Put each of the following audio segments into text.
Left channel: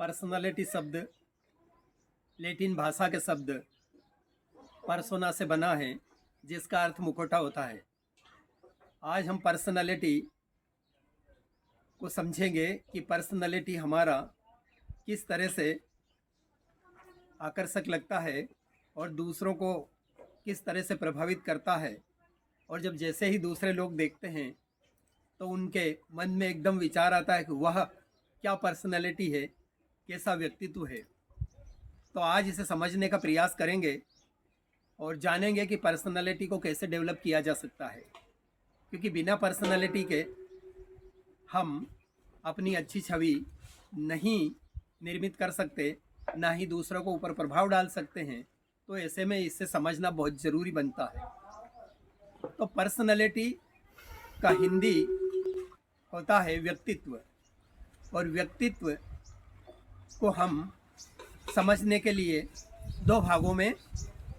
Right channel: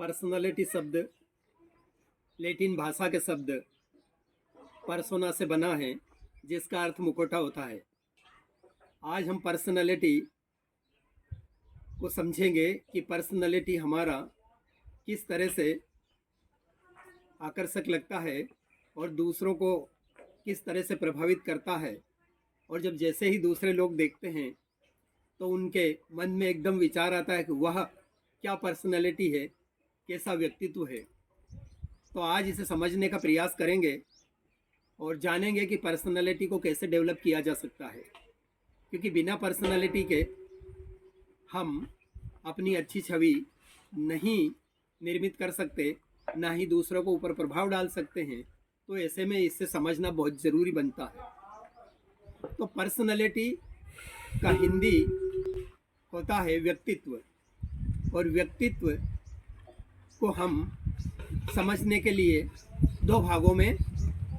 Personality शब्द Latin भाषा के शब्द पर्सोना से बना है, जिसका अर्थ मुखौटा होता है। आज हम पर्सनालिटी को समझेंगे कि पर्सनालिटी हमारा किस तरह से आकर्षक लगता है और दूसरों को किस तरह से प्रभावित करता है। और जब जैसे ही दूसरे लोग देखते हैं तो उनके मन में एकदम विचार आता है कि वह क्या पर्सनालिटी है, कैसा व्यक्तित्व है। तो आज इसे समझने का प्रयास करेंगे और जानेंगे कि पर्सनालिटी को कैसे डेवलप किया जा सकता है, क्योंकि बिना पर्सनालिटी के हम अपनी अच्छी छवि नहीं निर्मित कर सकते, ना ही दूसरों को ऊपर प्रभाव डाल सकते हैं। तो ऐसे में इससे समझना बहुत ज़रूरी बनता है। तो पर्सनालिटी का हिंदी होता है व्यक्तित्व, और व्यक्तित्व को हम समझने के लिए दो भागों में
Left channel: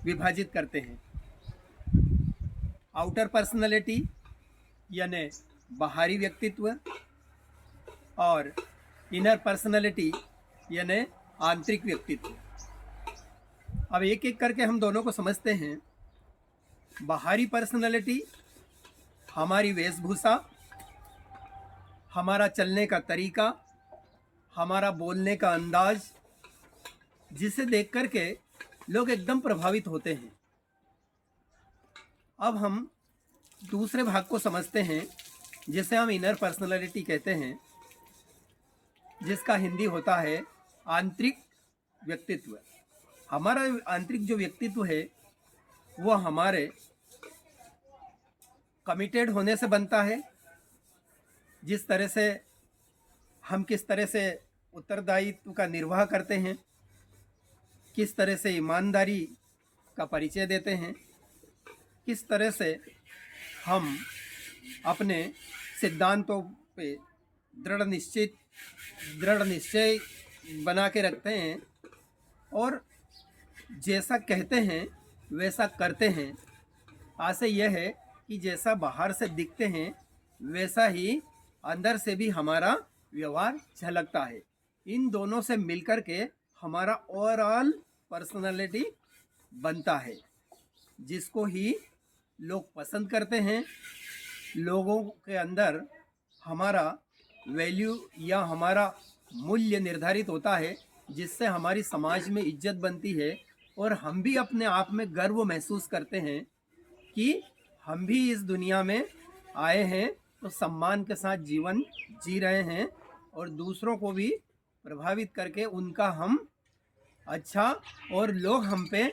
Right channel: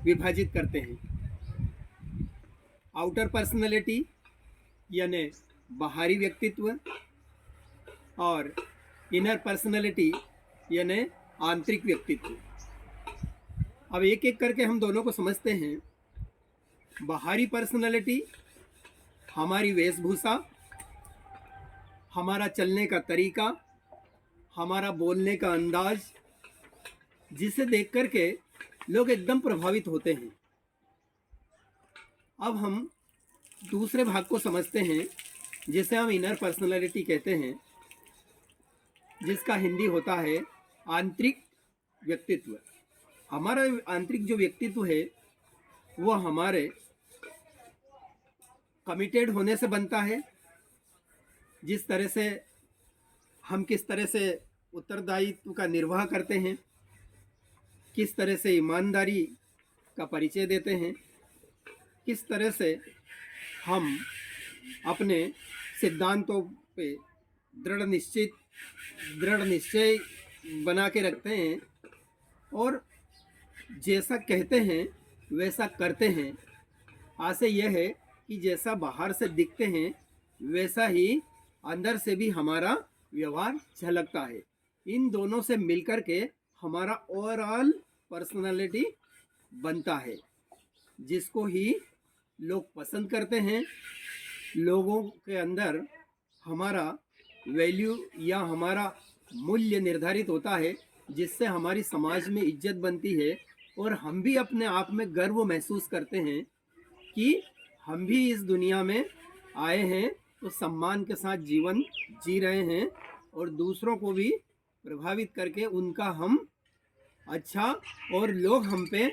विभाजित करते हैं। आउटर पर्सनालिटी यानी बाहरी व्यक्तित्व, और इनर पर्सनालिटी यानी आंतरिक व्यक्तित्व। अब एक एक करके हम दोनों को समझते हैं। बाहरी पर्सनालिटी हमारी वेशभूषा, हमारा चलने का तरीका, हमारा बोलने का अंदाज, जिसे देख कर के लोग एकदम प्रभावित होते हैं। अब हम दूसरे भाग को समझते हैं, जिसे हम इनर पर्सनालिटी कहते हैं, जिसका हिंदी होता है आंतरिक व्यक्तित्व। हमारा आंतरिक जो व्यक्तित्व है वह हमारे कमिटेड होने से बनता है। जिस तरह से हम किस तरह से उत्तरदायित्व का निर्वाह करते हैं, किस तरह से ईमानदारी का परिचय देते हैं, किस तरह से हम अपने सिद्धांतों पे दृढ़ निश्चय बना के रखते हैं, और जैसा कहते हैं वैसा करते हैं। आशय यह है कि जैसा बाहर से दिखते हैं वैसा ही अंदर से भी हमारा व्यवहार झलकता है। इन दोनों से मिलकर के हमारा ओवरऑल पर्सनालिटी बनता है, जिसको ही लोग पसंद करते हैं। लोगों के अंदर हमारा वैल्यू या हमारा मूल्य निर्धारित होता है, जिससे हमारी समाज में इज्जत बनती है, और हम भी अपने आप में गर्व महसूस करते हैं कि हम भी इस दुनिया में आए हैं तो सम्मान के साथ जीवन जी रहे हैं, और दूसरों को भी प्रभावित करके उनका हम अच्छा, और लोग हम पे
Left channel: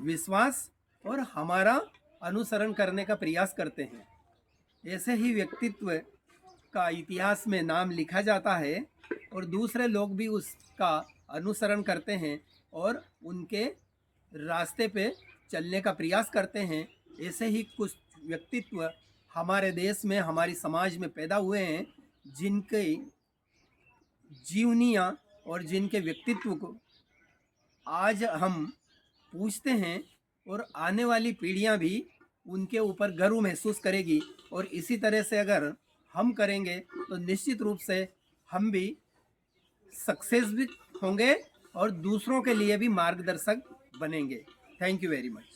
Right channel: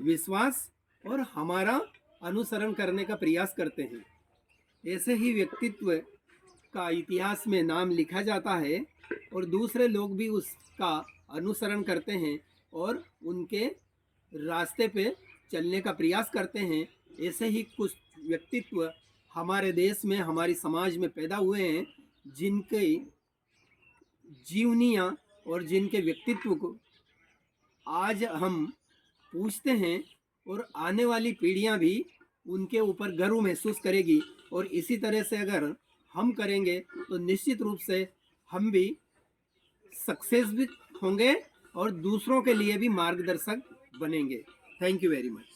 विश्वास और हमारा अनुसरण करने का प्रयास करते हैं। ऐसे ही व्यक्तित्व का इतिहास में नाम लिखा जाता है, और दूसरे लोग भी उसका अनुसरण करते हैं और उनके रास्ते पे चलने का प्रयास करते हैं। ऐसे ही कुछ व्यक्तित्व हमारे देश में, हमारी समाज में पैदा हुए हैं, जिनके जीवनियाँ और जिनके व्यक्तित्व को आज हम पूछते हैं, और आने वाली पीढ़ियाँ भी उनके ऊपर गर्व महसूस करेगी। और इसी तरह से अगर हम करेंगे तो निश्चित रूप से हम भी सक्सेस भी होंगे और दूसरों के लिए भी मार्गदर्शक बनेंगे। Thank you very much.